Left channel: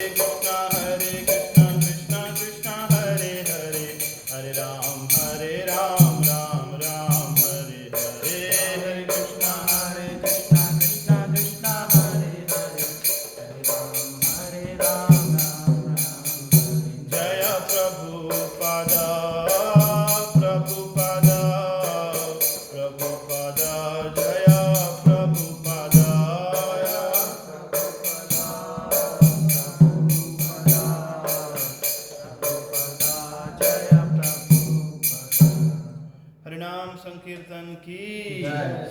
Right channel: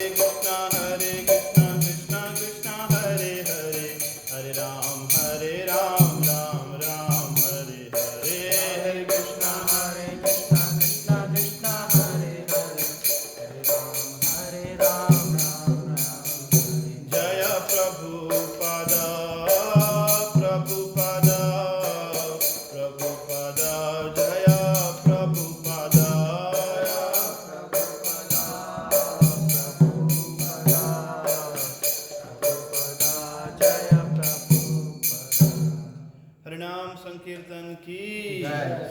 Hare Krishna, Krishna Krishna, Hare Hare, Hare Ram, Ram Ram, Hare Hare, Hare Krishna, Krishna Krishna, Hare Hare, Hare Ram, Ram Ram, Jaya Prabhupada, Prabhupada, Prabhupada, Jaya Prabhupada. हरिनाम संकीर्तन की,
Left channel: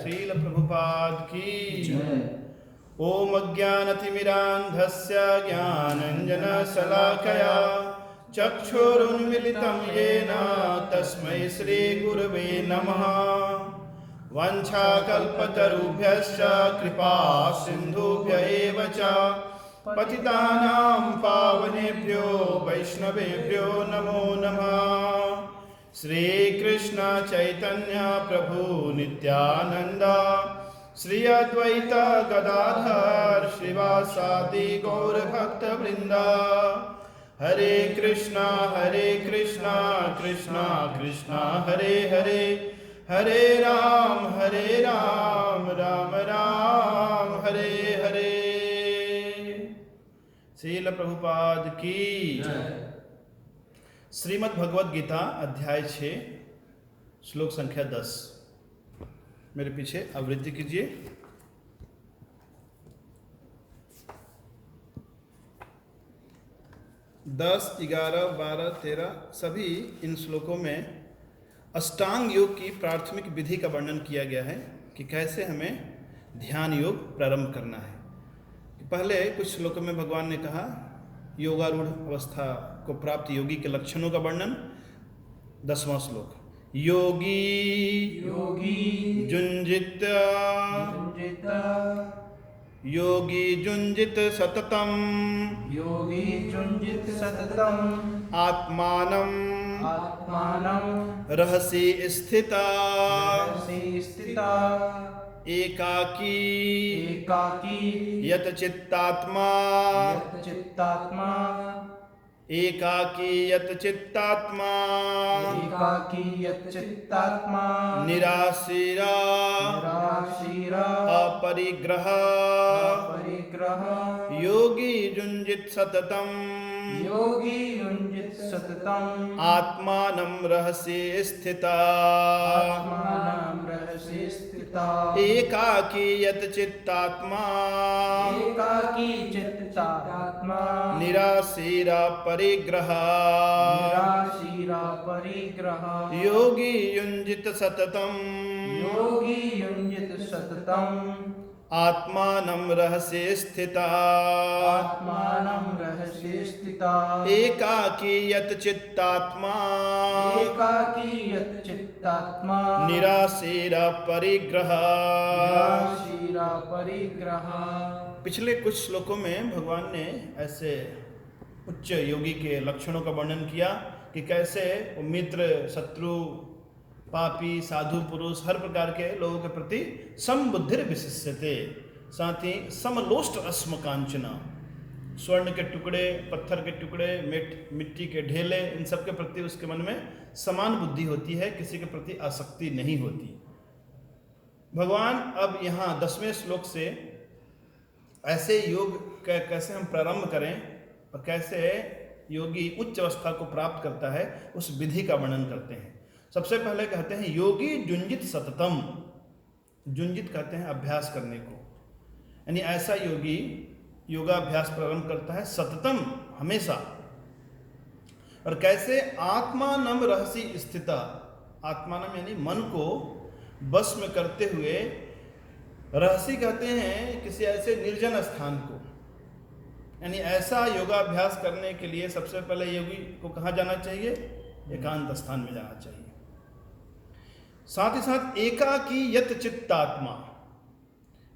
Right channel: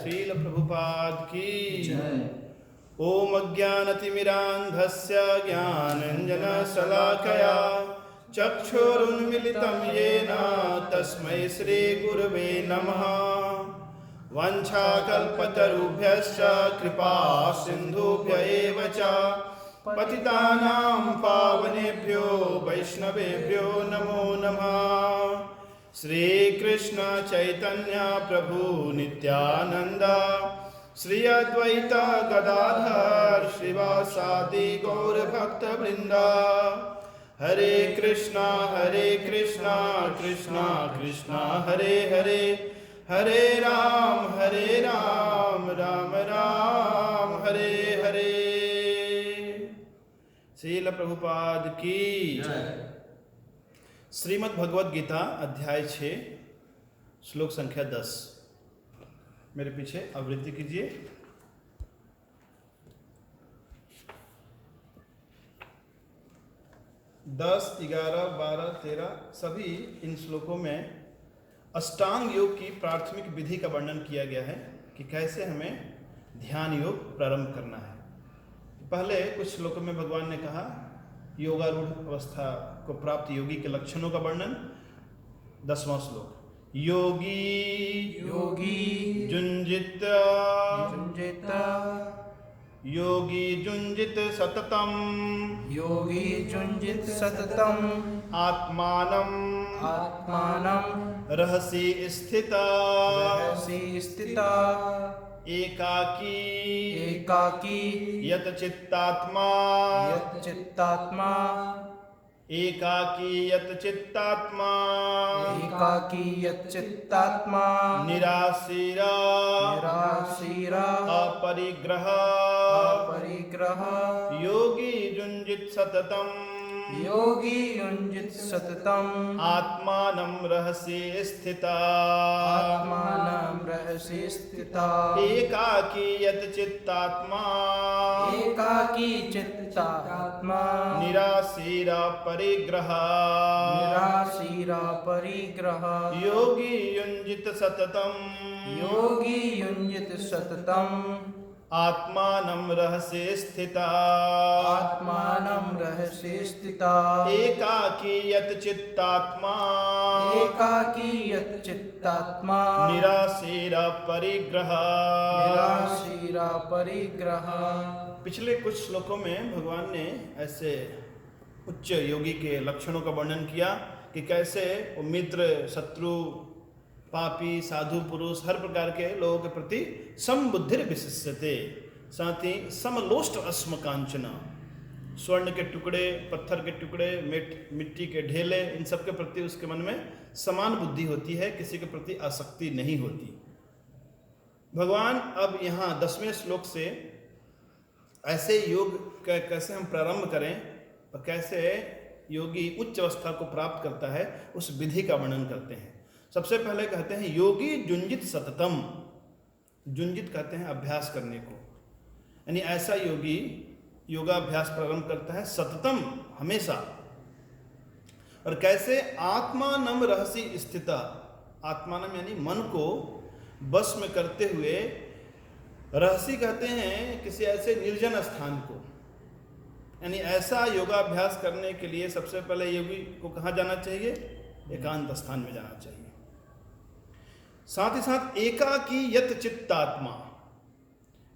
श्रील प्रभुपाद की। ओम अज्ञानतिमिरान्धस्य ज्ञानाञ्जनशलाकया चक्षुरुन्मिलितं येन तस्मै श्रीगुरवे नमः। वाञ्छाकल्पतरुभ्यश्च कृपा सिन्धुभ्य एव च पतितानां पावनेभ्यो वैष्णवेभ्यो नमो नमः। श्री कृष्ण चैतन्य प्रभु नित्यानंद, श्री अद्वैत गदाधर श्रीवासादि गौर भक्त वृंदा। हरे कृष्णा कृष्णा कृष्णा हरे हरे, हरे राम राम राम हरे हरे। श्रील प्रभुपाद की। श्रीमद् भगवद गीता अध्याय 6 श्लोक संख्या 10। मेरे पीछे आवृत्ति कीजिए। 10, 11, 12, 13 सभी इन श्लोकों में अष्टांग योग की प्राथमिक विधि का वर्णन किया गया है कि कैसे हमें ध्यान योग प्रारंभ करना है। पहले कुछ श्लोकों में भगवान ने कहा योगारूढ़ अवस्था को प्राप्त योगी के लक्षणों का वर्णन। 10वां श्लोक, योगी जुंजित योगी जुंजित सततम आत्मानं रहसि स्थिता एकाकी यत चित्तात्मा निराशीरा अपरिग्रह योगी युञ्जित सततम आत्मानं रहसि स्थिता एकाकी यत चित्तात्मा निराशीरा परिग्रह योगी युञ्जित सततम आत्मानं रहसि स्थिता एकाकी यत चित्तात्मा निराशीरा परिग्रह। पिछले कुछ श्लोकों में भगवान ने ऐसे उच्च योगी के लक्षणों का वर्णन किया कि कैसे वो मित्र, शत्रु, पापी, साधु, पुरुष हर प्रकार के लोगों के प्रति समबुद्धिर विशिष्यते, साथ ही समलोष्ट अस्म कांचना, स्वर्ण के टुकड़े, पत्थर के टुकड़े, मिट्टी के ढेले, इन सब के प्रति उसके मन में समान बुद्धि होती है, किसी के प्रति आसक्ति नहीं होती। भगवान अब यहाँ 10वें श्लोक से ऐसे योग कैसे हम प्रारंभ करें और कैसे योगी उच्च अवस्था को प्राप्त करता है उस विधि का वर्णन करते हैं। सबसे पहले कहते हैं योगी जुंजित सततम। जुंजित कहते हैं अभ्यास करने को, यानी ऐसा योगी योगाभ्यास प्रारंभ करता है सततम, हमेशा। और कैसे आत्मानं रहसि स्थिता, आत्मानं यानी मन को बस में करते हुए, रहसि कहते हैं किसी ऐसे निर्जन स्थान को, यानी ऐसा योगाभ्यास करने के लिए सबसे पहले योगी को कहाँ जाना चाहिए? एकांत स्थान में जाना चाहिए। साथ ही साथ एकाकी यत चित्तात्मा,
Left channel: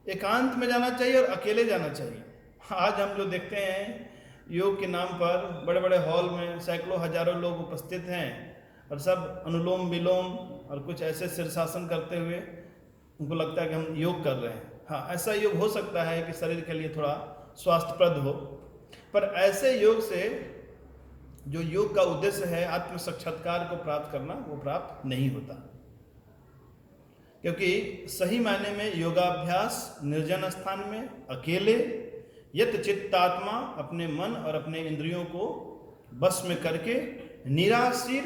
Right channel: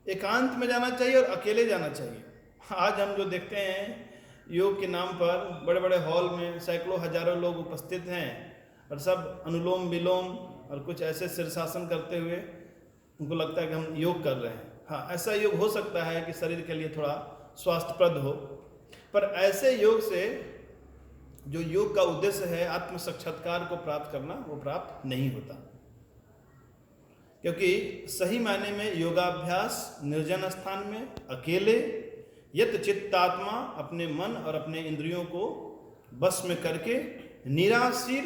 एकांत में जाना चाहिए और अकेले जाना चाहिए। आज हम जो देखते हैं योग के नाम पर बड़े बड़े हॉल में सैकड़ों हजारों लोग उपस्थित हैं और सब अनुलोम विलोम और कुछ ऐसे शीर्षासन करते हुए उनको लगता है कि हम योग कर रहे हैं। हाँ, ऐसा योग हो सकता है कि शरीर के लिए थोड़ा स्वास्थ्यप्रद हो, पर ऐसे योग से जो योग का उद्देश्य है आत्म साक्षात्कार को प्राप्त करना, वो प्राप्त नहीं होता। क्योंकि सही मायने में योगाभ्यास निर्जन स्थान में अकेले यत चित्तात्मा अपने मन और अपने इंद्रियों को बस में करके निराशीर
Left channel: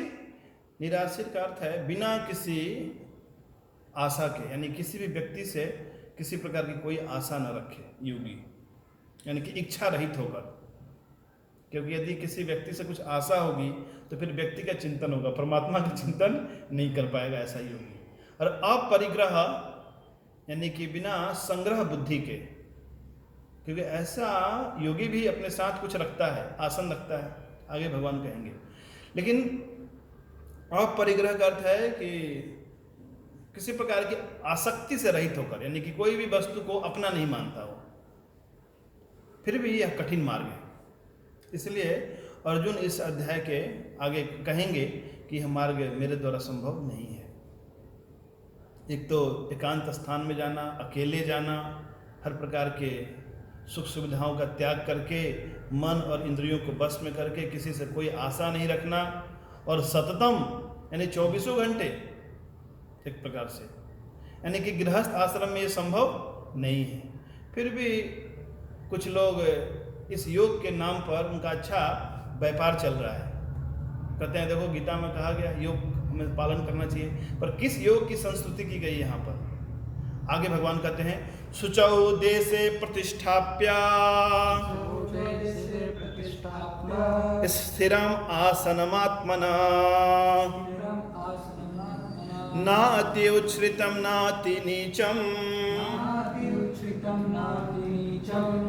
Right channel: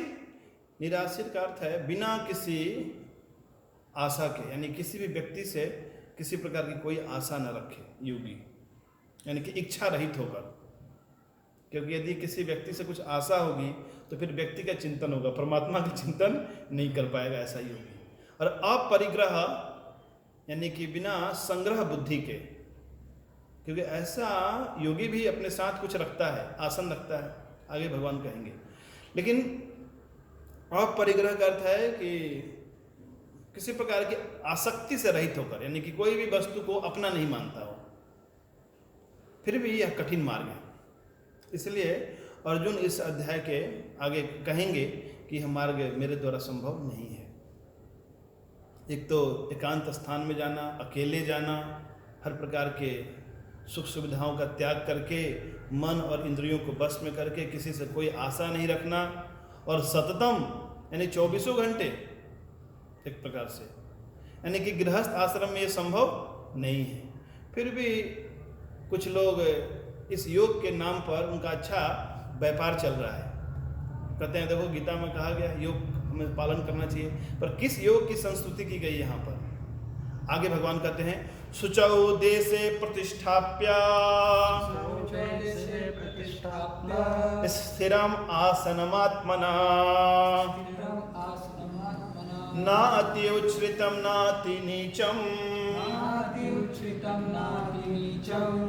का अर्थ है बिना किसी आशा के, यानी किसी भी व्यक्ति से किसी प्रकार की कोई आशा न रखे योगी, यानी कि इच्छा रहित होकर। क्योंकि यदि किसी व्यक्ति से कुछ आशा होगी तो फिर व्यक्ति का चिंतन होगा, परमात्मा का चिंतन नहीं कर पाएगा ऐसा योगी। और अपरिग्रह यानी कि बिना संग्रह बुद्धि के, क्योंकि ऐसा योगी भी अपने साथ कुछ रखता है, आसन रखता है, आगे भगवान कहेंगे। लेकिन अपरिग्रह का अर्थ है कि किसी प्रकार की आसक्ति से रहित होकर, यानी कि कोई भी वस्तु को अपना नहीं मानता हो, फिर भी यह कठिन मार्ग है। इसलिए अर्जुन इस अध्याय के आगे कहेंगे कि यह मार्ग मेरे द्वारा संभव नहीं है। एक तो एकांत स्थान में जाना, अकेले जाना, हर प्रकार के सुख सुविधाओं का त्याग करके, मन और इंद्रियों को बस में करके, किसी से कोई आशा नहीं रखना, और सततम यानी 24 घंटे एक प्रकार से, यानी कि गृहस्थ आश्रम में ये संभव नहीं है। फिर भी कुछ लोग इस योग के नाम पर उनका अच्छा व्यापार चल रहा है। कहते हैं देखो गीता में कहा गया योग हमें पालन करना चाहिए, पर किस योग की संस्तुति की गई यहाँ पर? आगे भगवान कहते हैं शुचौ देशे प्रतिष्ठाप्य स्थिरम आसनमात्मना नाति उच्छ्रितम नाति नीचम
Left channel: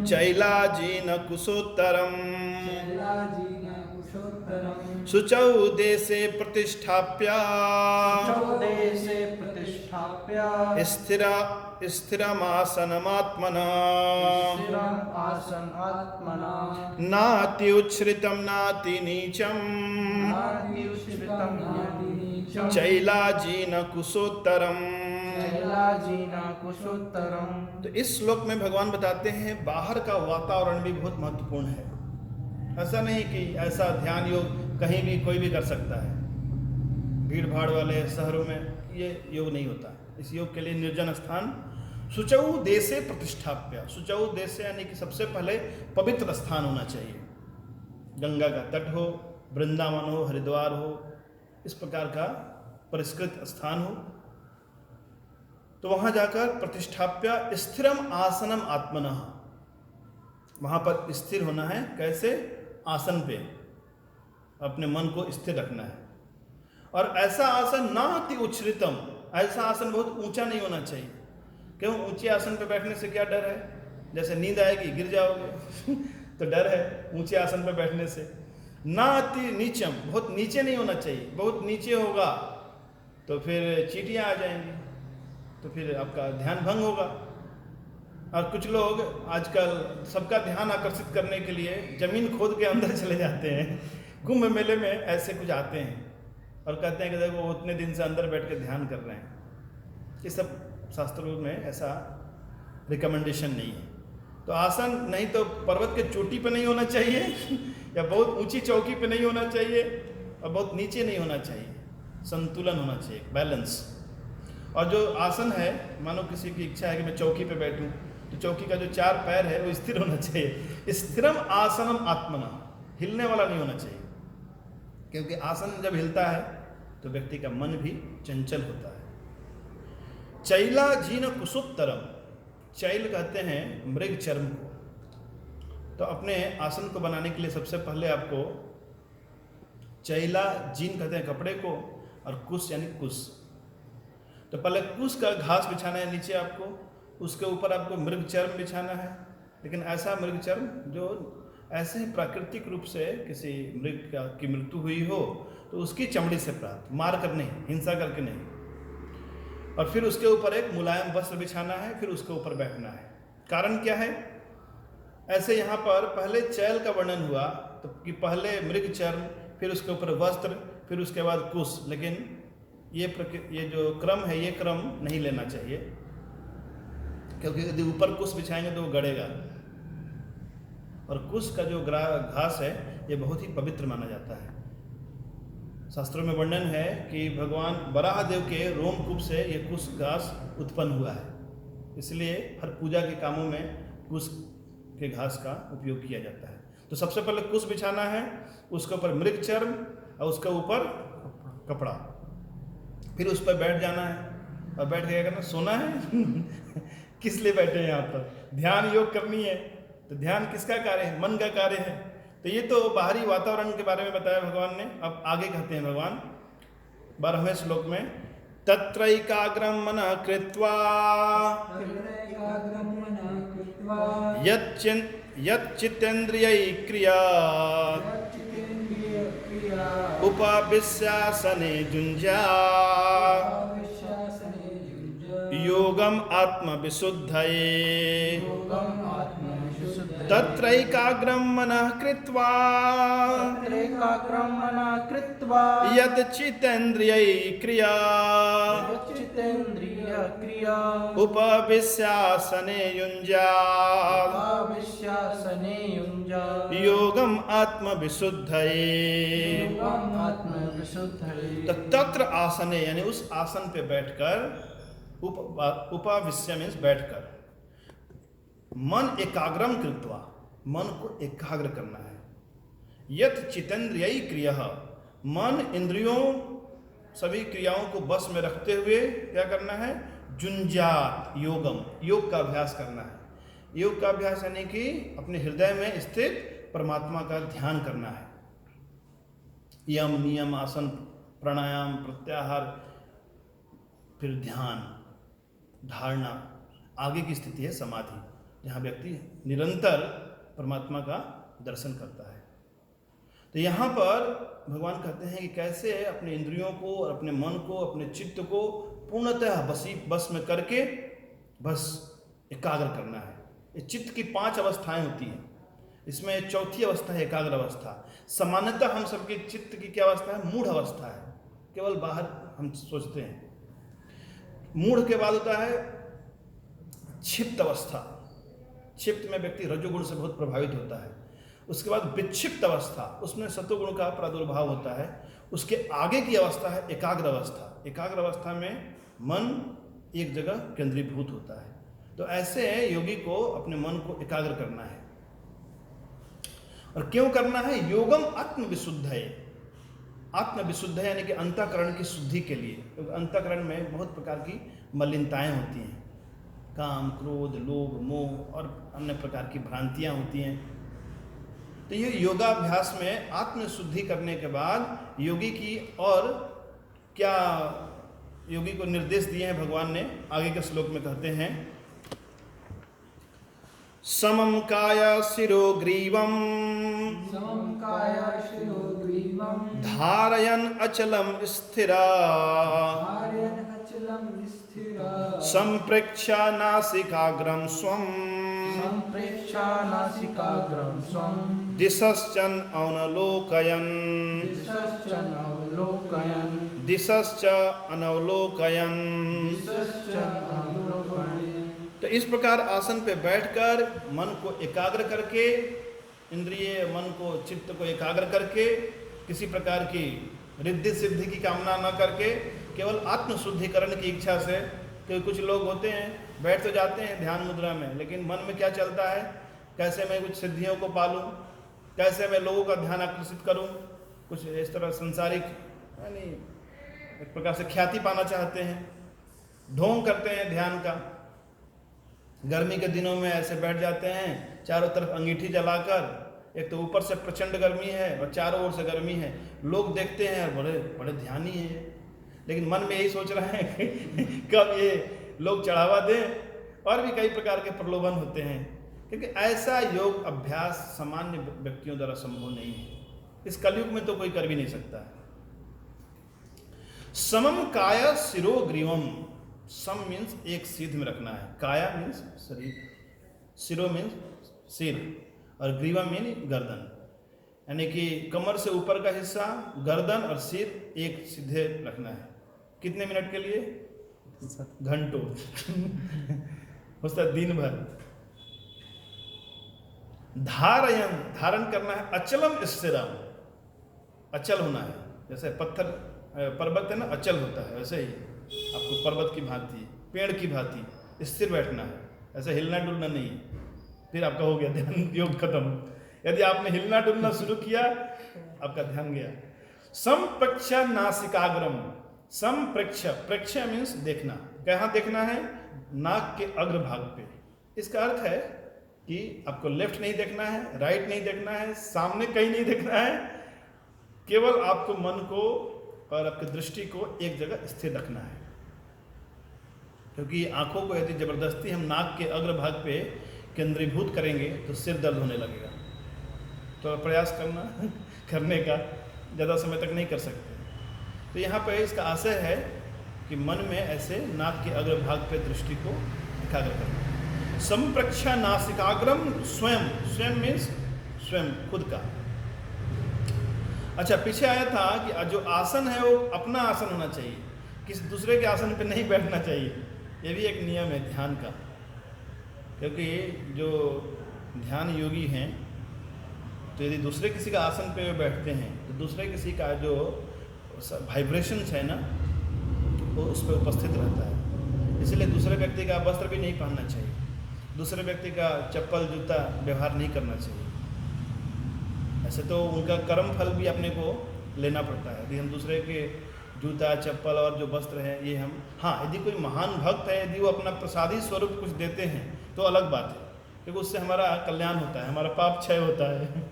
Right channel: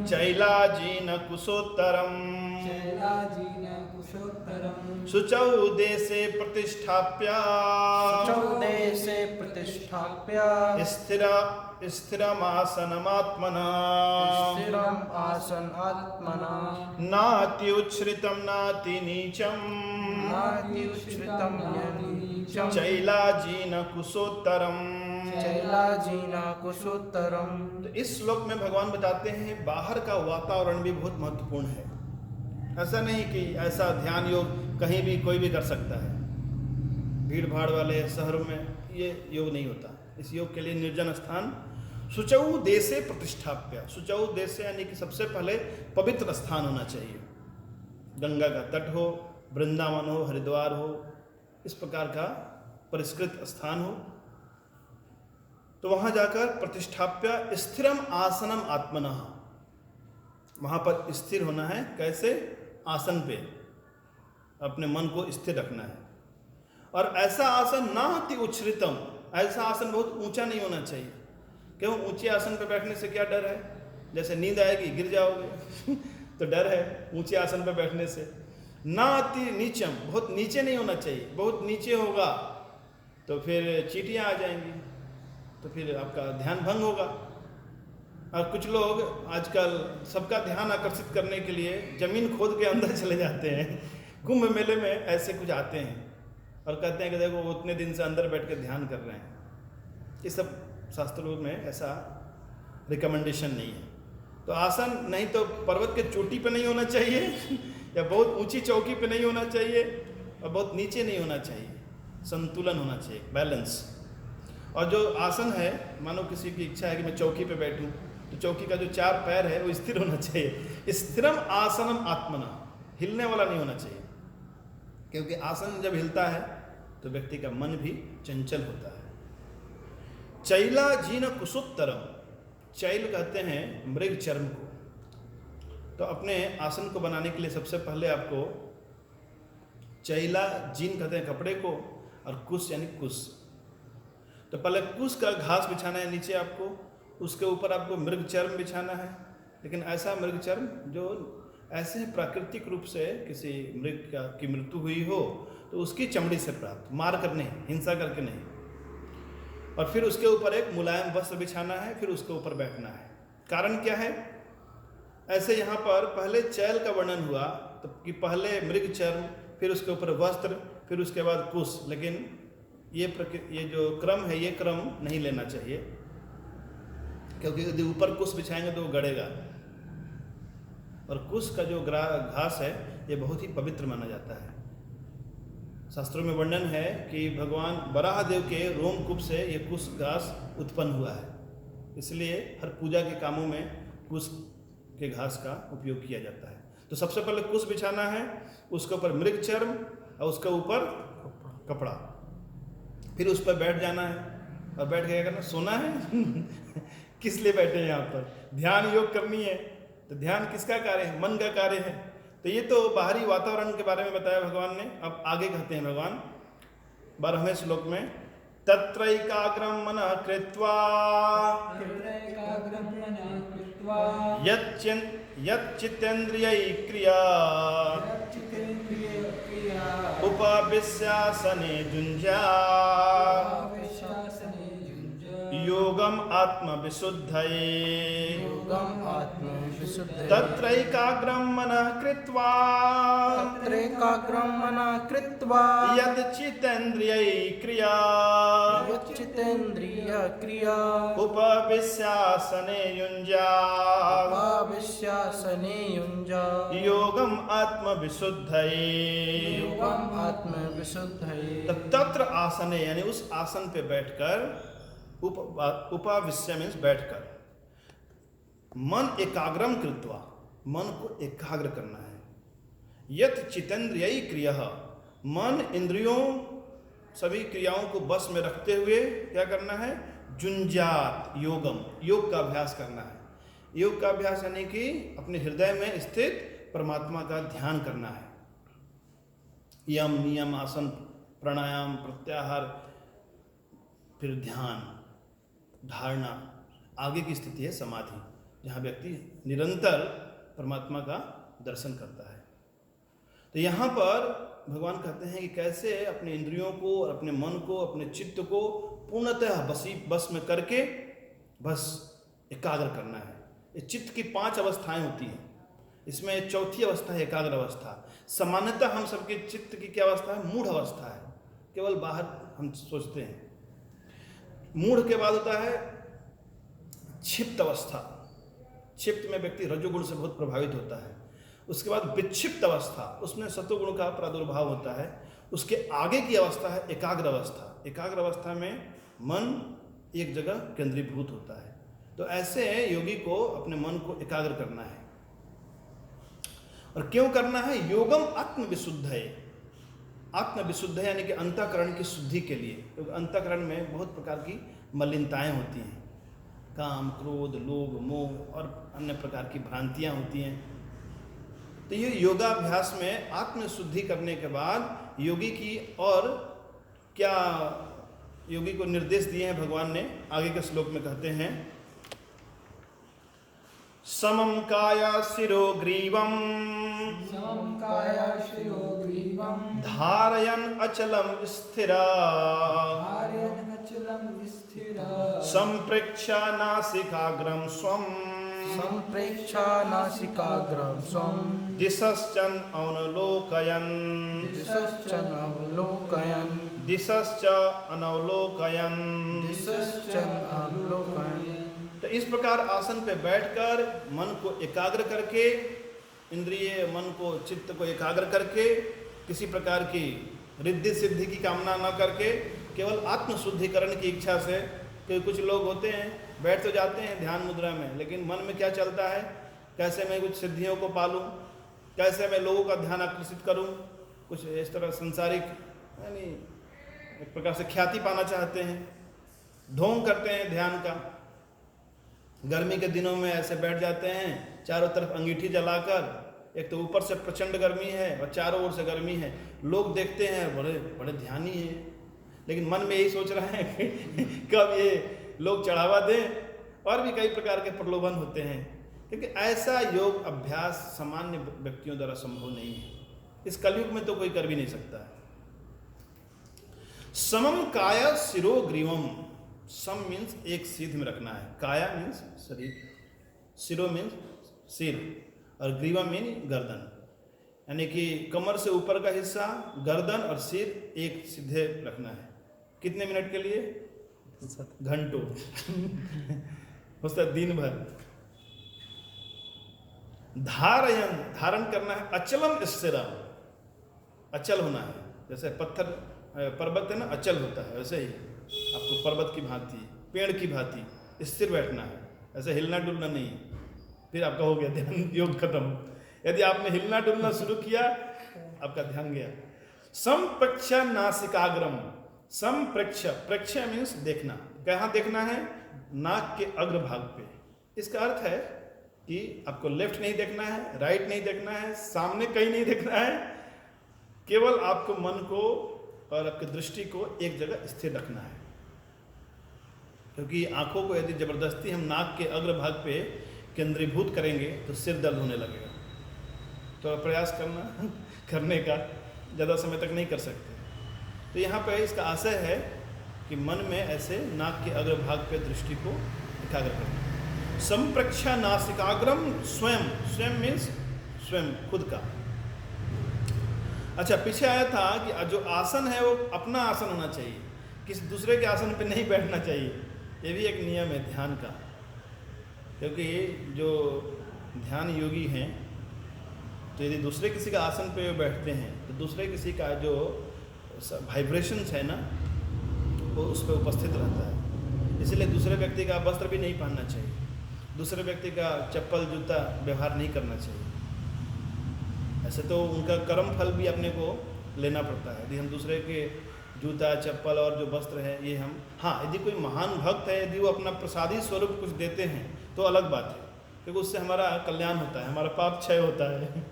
चैलाजीन कुशोत्तरम शुचौ देशे प्रतिष्ठाप्य स्थिरमासनमात्मना नाति उच्छ्रितम नाति नीचम चैलाजीन कुशोत्तरम। तो इस श्लोक में भगवान बताते हैं बाहर का वातावरण भी बहुत महत्वपूर्ण है। ऐसा नहीं कि ऐसा ध्यान योग कहीं भी कोई भी कर सकता है, भीड़ भाड़ वाले शहरों में ये योग नहीं होता। इस योग के लिए निर्जन स्थान, शुचौ देशे प्रतिष्ठाप्य। शुचौ देशे यानी कि सबसे पहले पवित्र स्थान होना चाहिए, गंगा का तट हो, वृंदावन हो, हरिद्वार हो, इस प्रकार का परिष्कृत स्थान हो। तो वहाँ जाकर प्रतिष्ठाप्य स्थिरम आसनम आत्मनः, वहाँ पर स्थिर होना है। कैसे? आसन पे अपने मन को स्थिर रखना है। और ऐसा आसन नाति उच्छ्रितम, ऐसा आसन बहुत ऊंचा नहीं होना चाहिए। क्यों? ऊंचे आसन पे बैठने से क्या डर है? जैसे नींद आएगी गिर जाओगे तो डर है ऊंचे आसन पे बैठने से। नाति नीचम, बहुत नीचे नहीं होना चाहिए। बहुत नीचे होगा तो फिर चींटियाँ आ जाएंगी, तो फिर आपका ध्यान भंग होगा। और कुछ लोग आजकल सबका ध्यान आकर्षित करने के लिए जमीन खोद के अंदर चले जाते हैं। कुंभ मेले में ऐसे कुछ आते हैं और कहते हैं कि देखो वो उतने दिन से अंदर बैठ के ध्यान कर रहे हैं। ये सब शास्त्रों में ऐसा रिकमेंडेशन नहीं है। तो आसन नहीं तो पर्वत के चोटी पे नहीं होना चाहिए या बहुत ऊंची चौकी पे नहीं होना चाहिए और बहुत नीचे नहीं होना चाहिए। संतुलन होना चाहिए, बैलेंस। और जो आसन है, मानो किसी की इच्छा है कि मैं चौकी पे बैठूं, तो चौकी का जो 4 पैर है वो स्थिर होना चाहिए। स्थिरम आसनम आत्मना, हिलने वाला नहीं होना चाहिए। क्योंकि आसन जब हिलता है तो व्यक्ति का मन भी चंचल होता है। चैला जीन कुशोत्तरम, चैल कहते हैं मृग चर्म को। तो अपने आसन को बनाने के लिए सबसे पहले आपको चैला जीन कहते हैं कपड़े को, और कुश यानी कुश। तो पहले कुश का घास बिछाना है नीचे आपको, उसके ऊपर आपको मृग चर्म बिछाना है। लेकिन ऐसा मृग चर्म जो ऐसे प्राकृतिक रूप से किसी मृग की मृत्यु हुई हो तो उसकी चमड़ी से प्राप्त, मार कर नहीं, हिंसा करके नहीं। और फिर उसके ऊपर एक मुलायम वस्त्र बिछाना है, फिर उसके ऊपर बैठना है। कारण क्या है? ऐसे यहाँ पर पहले चैल का वर्णन हुआ तो कि पहले मृग चर्म, फिर उसके ऊपर वस्त्र, फिर उसके बाद कुश। लेकिन ये जो क्रम है ये क्रम नहीं लेना चाहिए, क्योंकि यदि ऊपर कुश बिछाएंगे तो वो गड़ेगा। और कुश का जो घास है ये बहुत ही पवित्र माना जाता है। शास्त्रों में वर्णन है कि भगवान वराहदेव के रोमकूप से ये कुश घास उत्पन्न हुआ है, इसलिए हर पूजा के कामों में कुश के घास का उपयोग किया जाता है। तो सबसे पहले कुश बिछाना है, उसके ऊपर मृग चर्म और उसके ऊपर कपड़ा, फिर उस पर बैठ जाना है और बैठ के क्या करना, सोना है। किस लिए बैठे हैं यहाँ पर? ध्यान योग करनी है। तो ध्यान किसका कार्य है? मन का कार्य है। तो ये तो बाहरी वातावरण के बारे में बताया भगवान ने। अब आगे कहते हैं भगवान 12वें श्लोक में, तत्रैकाग्रं मनः कृत्वा यच्चित्तेन्द्रियै क्रिया उपाविश्यासने जुञ्ज्यात् योगम आत्मविशुद्धये तत्रैकाग्रं मनः कृत्वा यच्चित्तेन्द्रियै क्रिया उपविश्यासने युञ्ज्यात् योगम आत्मविशुद्धये। तत्र आसने यानी उस आसन पे बैठकर, उपाविश्य मीन्स बैठकर, मन एकाग्रम कृत्वा, मन को एकाग्र करना है। यत् चित्तेन्द्रियै क्रिया, मन इंद्रियों सभी क्रियाओं को बस में रखते हुए क्या करना है? जुञ्जात योगम, योग का अभ्यास करना है। योग का अभ्यास यानी कि अपने हृदय में स्थित परमात्मा का ध्यान करना है। यम नियम आसन प्राणायाम प्रत्याहार, फिर ध्यान धारणा, आगे की स्थिति है समाधि, जहाँ व्यक्ति निरंतर परमात्मा का दर्शन करता है। तो यहाँ पर भगवान कहते हैं कि कैसे अपने इंद्रियों को और अपने मन को, अपने चित्त को पूर्णतः बस में करके बस एकाग्र करना है। ये चित्त की 5 अवस्थाएं होती हैं, इसमें चौथी अवस्था है एकाग्र अवस्था। सामान्यतः हम सबके चित्त की क्या अवस्था है? मूढ़ अवस्था है, केवल बाहर हम सोचते हैं। मूढ़ के बाद होता है क्षिप्त अवस्था, क्षिप्त में व्यक्ति रजोगुण से बहुत प्रभावित होता है। उसके बाद विक्षिप्त अवस्था, उसमें सतोगुण का प्रादुर्भाव होता है। उसके आगे की अवस्था है एकाग्र अवस्था। एकाग्र अवस्था में मन एक जगह केंद्रीभूत होता है। तो ऐसे योगी को अपने मन को एकाग्र करना है। और क्यों करना है? योगम आत्मविशुद्ध है। आत्मविशुद्ध यानी कि अंतःकरण की शुद्धि के लिए, क्योंकि अंतःकरण में बहुत प्रकार की मलिनताएं होती हैं, काम क्रोध लोभ मोह और अन्य प्रकार की भ्रांतियां होती हैं। तो ये योगाभ्यास में आत्मशुद्धि करने के बाद योगी की और क्या योगी को निर्देश दिए हैं भगवान ने, आगे के श्लोक में कहते हैं, समं काया शिरो ग्रीवम धारयन् अचलम स्थिरा संप्रेक्ष्य नासिकाग्रं स्वं दिशश्चन अवलोकयन् तो इस प्रकार आसन पे बैठकर मन को एकाग्र करके, इंद्रिय मन को चित्त को एकाग्र करके, किसी प्रकार की रिद्धि सिद्धि की कामना न करके, केवल आत्मशुद्धिकरण की इच्छा से। क्योंकि कुछ लोग होते हैं बैठ तो जाते हैं ध्यान मुद्रा में, लेकिन मन में क्या चलता है? कैसे मैं कुछ सिद्धियों को पालूं, कैसे मैं लोगों का ध्यान आकर्षित करूं, कुछ इस तरह संसारिक यानी एक प्रकार से ख्याति पाना चाहते हैं, ढोंग करते हैं ध्यान का। गर्मी के दिनों में ऐसे बैठ जाते हैं, चारों तरफ अंगीठी जलाकर, एक तो ऊपर से प्रचंड गर्मी है और चारों ओर से गर्मी है। लोग देखते हैं बड़े बड़े ध्यानी हैं, लेकिन मन में यही सोच रहे हैं कि कब ये लोग चढ़ावा दें। और भी कई प्रकार के प्रलोभन होते हैं, क्योंकि ऐसा योग अभ्यास सामान्य व्यक्तियों द्वारा संभव नहीं है। इस कलयुग में तो कोई कर भी नहीं सकता है। समम काया शिरो ग्रीवम, सम मीन्स एक सीध में रखना है, काया मीन्स शरीर, शिरो मीन्स सिर और ग्रीवा मीन गर्दन, यानी कि कमर से ऊपर का हिस्सा, गर्दन और सिर एक सीधे रखना है। कितने मिनट के लिए? घंटों। हो सकता है दिन भर। धारयन, धारण करना है, अचलम स्थिरम, अचल होना है। जैसे पत्थर पर्वत है ना, अचल होता है, वैसे ही आपको पर्वत की भांति, पेड़ की भांति स्थिर बैठना है, ऐसे हिलना डुलना नहीं। फिर आपका हो गया ध्यान योग खत्म। यदि आपने हिलना डुलना शुरू किया, आपका ध्यान गया। संप्रक्ष नासिकाग्रम, संप्रक्ष, प्रक्ष मीन्स देखना, कहाँ देखना है? नाक के अग्रभाग पे। इसका अर्थ है कि आपको लेफ्ट नहीं देखना है, राइट नहीं देखना है, सामने कहीं नहीं देखना है, केवल आपको मन को और आपकी दृष्टि को एक जगह स्थिर रखना है। क्योंकि आंखों को यदि जबरदस्ती हम नाक के अग्रभाग पे केंद्रीभूत करेंगे तो सिर दर्द होने लगेगा। तो प्रयास करने का, ज़्यादा समय तक नहीं कर सकते। तो यहाँ पे इसका आशय है कि मन में ऐसे नाक के अग्रभाग पे दृष्टि को एकाग्र करना। संप्रक्षा नासिकाग्रम स्वयं, स्वयं मीन्स स्वयं, खुद का। अच्छा, पीछे आया था कि जो आसन है वो अपना आसन होना चाहिए, किसी दूसरे के आसन पे नहीं बैठना चाहिए। ये भी एक नियम है ध्यान का। क्योंकि जो ध्यान योगी हैं, तो यदि दूसरे किसी का आसन पे बैठते हैं तो दूसरे किसी का जो वाइब्रेशंस है ना, वो उस पर उपस्थित रहता है। इसलिए दूसरे व्यक्ति का वस्त्र भी नहीं पहनना चाहिए, दूसरे व्यक्ति का चप्पल जूता व्यवहार नहीं करना चाहिए। ऐसे तो उनका कर्म फल भी अपने को लेना पड़ता है। यदि हम दूसरे के जूता चप्पल और जो वस्त्र है ये हम, हाँ यदि कोई महान भक्त है, यदि वो अपना प्रसादी स्वरूप कुछ देते हैं तो अलग बात है, क्योंकि उससे हमारा कल्याण होता है, हमारा पाप क्षय होता है।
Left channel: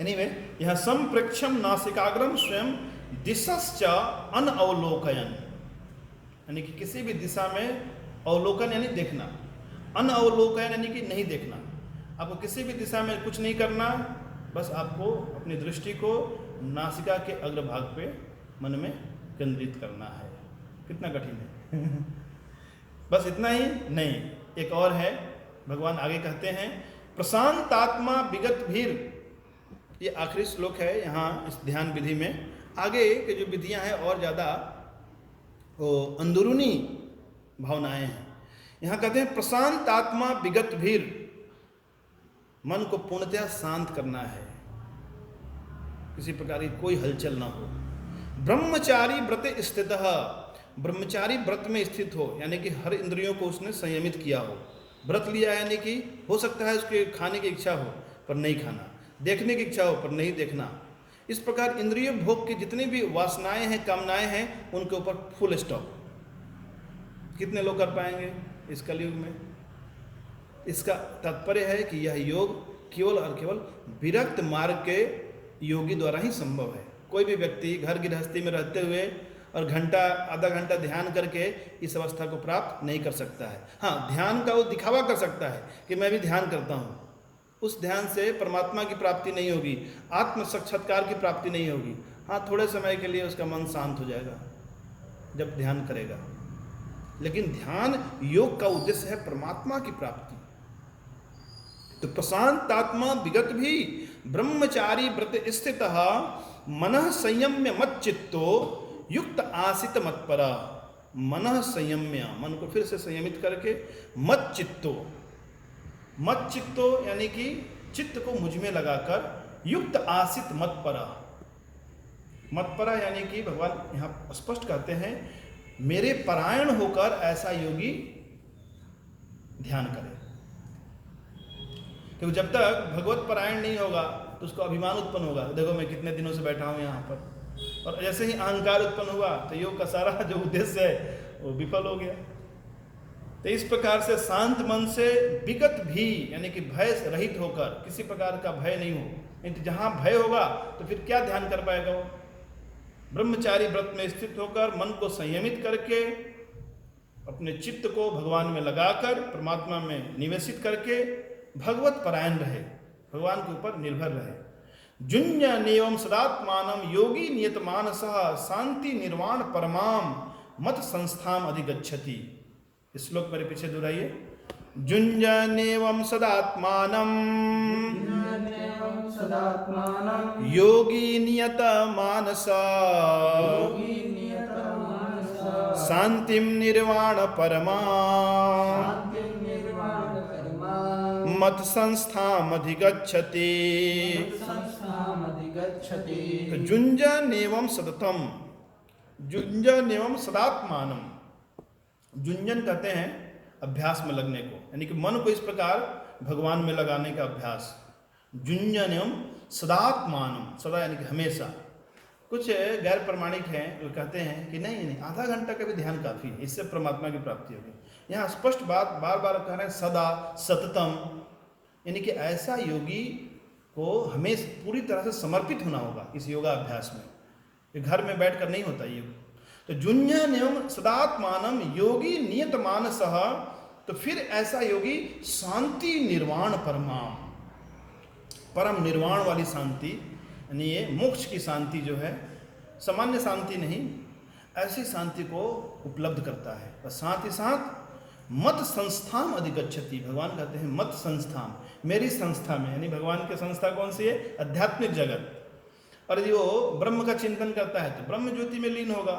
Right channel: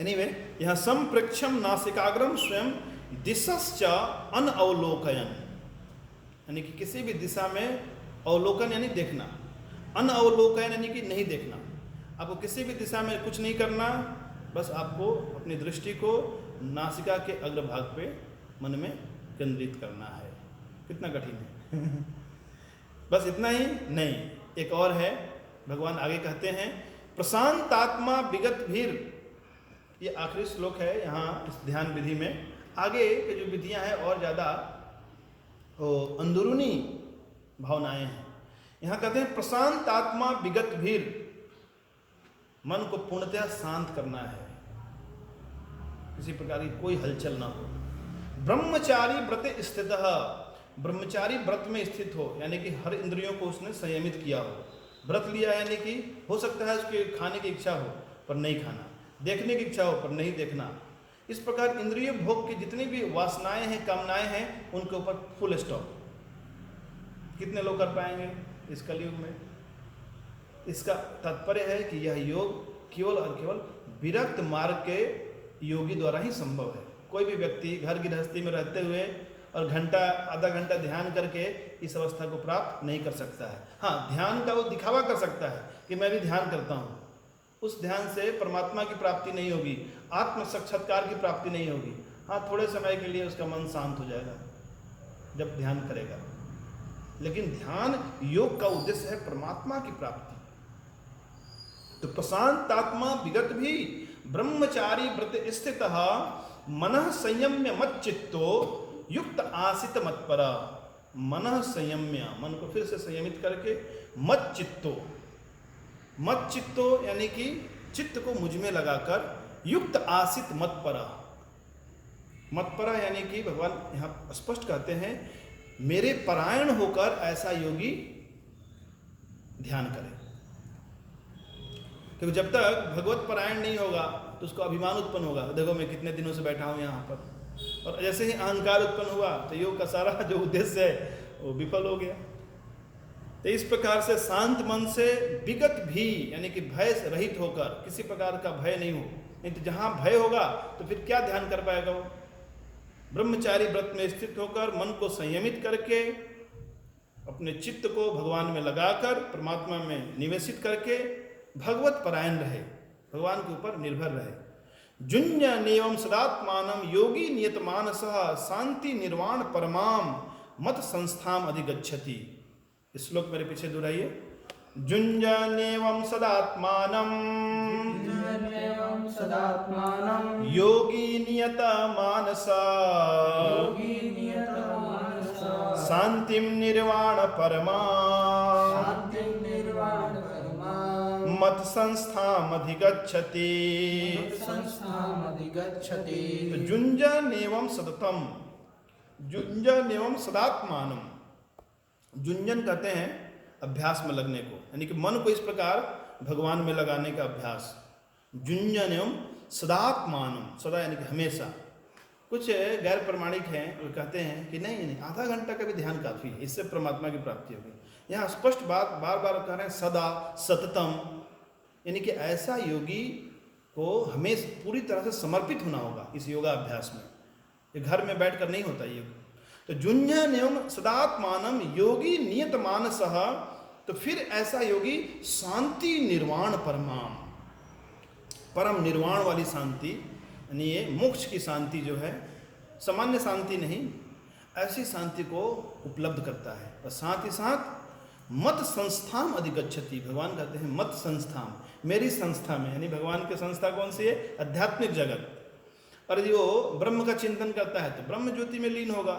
एनीवे, यहाँ संप्रक्षम नासिकाग्रम स्वयं दिशश्च अनअवलोकयन, यानी कि किसी भी दिशा में अवलोकन यानी देखना, अनअवलोकयन यानी कि नहीं देखना। आपको किसी भी दिशा में कुछ नहीं करना, बस आपको अपनी दृष्टि को नासिका के अग्रभाग पे मन में केंद्रित करना है। कितना कठिन है। बस इतना ही नहीं, एक और है। भगवान आगे कहते हैं प्रशांतात्मा विगत भीर, ये आखिरी श्लोक है यहाँ इस ध्यान विधि में। आगे के जो विधियाँ हैं और ज़्यादा वो अंदरूनी भावनाएं हैं। यहाँ कहते हैं प्रशांतात्मा विगत भीर, मन को पूर्णतः शांत करना है, किसी प्रकार की कोई हलचल ना हो। ब्रह्मचारी व्रत स्थित, ब्रह्मचारी व्रत में स्थित हो, यानी कि हर इंद्रियों को उसने संयमित किया हो। व्रत लिया यानी कि हो सकता है उसके खाने की इच्छा हो पर नहीं खाना, देखने की इच्छा हो पर नहीं देखना। इस प्रकार इंद्रिय भोग की जितनी भी वासनाएं हैं, कामनाएं हैं, उनके ऊपर फुल स्टॉप। कितने लोग कर पाएंगे इस कलयुग में? इसका तात्पर्य है कि यह योग केवल और केवल विरक्त मार्ग के योगी द्वारा ही संभव है। कोई भी व्यक्ति घर गृहस्थी में रहते हुए और घंटा आधा घंटा ध्यान करके इस अवस्था को प्राप्त नहीं कर सकता है। हाँ, ध्यान का वो दिखावा कर सकता है कि मैं भी ध्यान करता हूँ। उस ध्यान से परमात्मा की प्राप्ति नहीं होगी, आत्म साक्षात्कार की प्राप्ति नहीं होगी। हाँ, थोड़े समय के लिए उसका मन शांत हो जाएगा जब ध्यान करेगा, लेकिन ध्यान योग का उद्देश्य है परमात्मा की प्राप्ति। तो प्रशांतात्मा विगत भी ब्रह्मचारी व्रत स्थित मनः संयम्य मत चित्तो युक्त आसित मत्पर। मनः संयम्य, मन को फिर से संयमित करके, मत चित्तो, मत चित्तो यानी कि चित्त को मुझ में लगाकर, युक्त आसित मत्परा, मत्परा यानी कि भगवान यहाँ स्पष्ट कहते हैं मेरे परायण होकर ऐसा योगी ध्यान करे। क्योंकि जब तक भगवत परायण नहीं होगा तो उसको अभिमान उत्पन्न होगा, देखो मैं कितने दिनों से बैठा हूँ यहाँ पर, और जैसे ही अहंकार उत्पन्न हुआ तो योग का सारा जो उद्देश्य है वो विफल हो गया। तो इस प्रकार से शांत मन से विगत भी यानी कि भय रहित होकर, किसी प्रकार का भय नहीं हो, नहीं तो जहाँ भय होगा तो फिर क्या ध्यान कर पाएगा वो। ब्रह्मचारी व्रत में स्थित होकर मन को संयमित करके, अपने चित्त को भगवान में लगाकर, परमात्मा में निवेशित करके भगवत परायण रहे, भगवान के ऊपर निर्भर रहे। जुन्यनेवं सदात्मानं योगी नियत मानसः शांति निर्वाण परमाम मत संस्थाम अधिगच्छति। इस श्लोक मेरे पीछे दोहराइए। जुन्यनेवं सदात्मानं योगी नियत मानसः शांतिम निर्वाण परमा मत संस्थाम अधिगच्छति। तो जुंजन एवं सततम, जुंजन एवं सदात्मानम। जुंजन कहते हैं अभ्यास में लगने को, यानी कि मन को इस प्रकार भगवान में लगाने का अभ्यास। जुंजन एवं सदात्मानम, सदा यानी कि हमेशा। कुछ गैर प्रमाणिक हैं, वो कहते हैं कि नहीं आधा घंटा का भी ध्यान काफ़ी है, इससे परमात्मा की प्राप्ति होगी। यहाँ स्पष्ट बात बार बार कह रहे हैं, सदा सततम, यानी कि ऐसा योगी को हमें पूरी तरह से समर्पित होना होगा इस योगा अभ्यास में। ये घर में बैठकर नहीं होता योग। तो जुंजन एवं सदात्मानम योगी नियत मानसः, तो फिर ऐसा योगी शांति निर्वाण परमाम, परम निर्वाण वाली शांति, यानी ये मोक्ष की शांति जो है, सामान्य शांति नहीं, ऐसी शांति को उपलब्ध करता है। और साथ ही साथ मत संस्थाम अधिगच्छति, भगवान कहते हैं मत संस्थाम, मेरी संस्था में, यानी भगवान की संस्था कौन सी है? आध्यात्मिक जगत। और यदि वो ब्रह्म का चिंतन करता है तो ब्रह्म ज्योति में लीन होगा।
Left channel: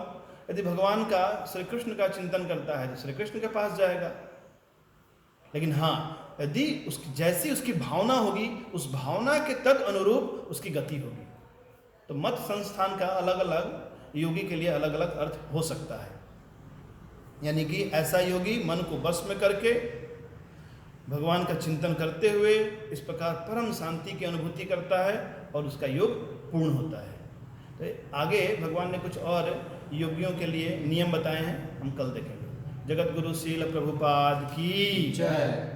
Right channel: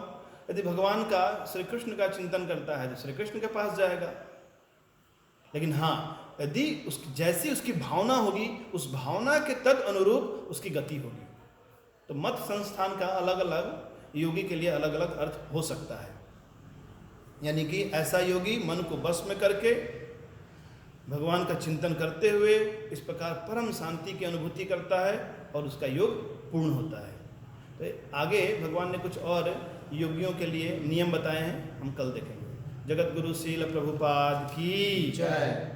यदि भगवान का, श्री कृष्ण का चिंतन करता है तो श्री कृष्ण के पास जाएगा। लेकिन हाँ, यदि जैसी उसकी भावना होगी, उस भावना के तद अनुरूप उसकी गति होगी। तो मत संस्थान का अलग अलग योगी के लिए अलग अलग अर्थ हो सकता है। यानी कि ऐसा योगी मन को बस में करके भगवान का चिंतन करते हुए इस प्रकार परम शांति की अनुभूति करता है और उसका योग पूर्ण होता है। तो आगे भगवान ने कुछ और योगियों के लिए नियम बताए हैं, हम कल देखेंगे। जगत गुरु श्रील प्रभुपाद की जय।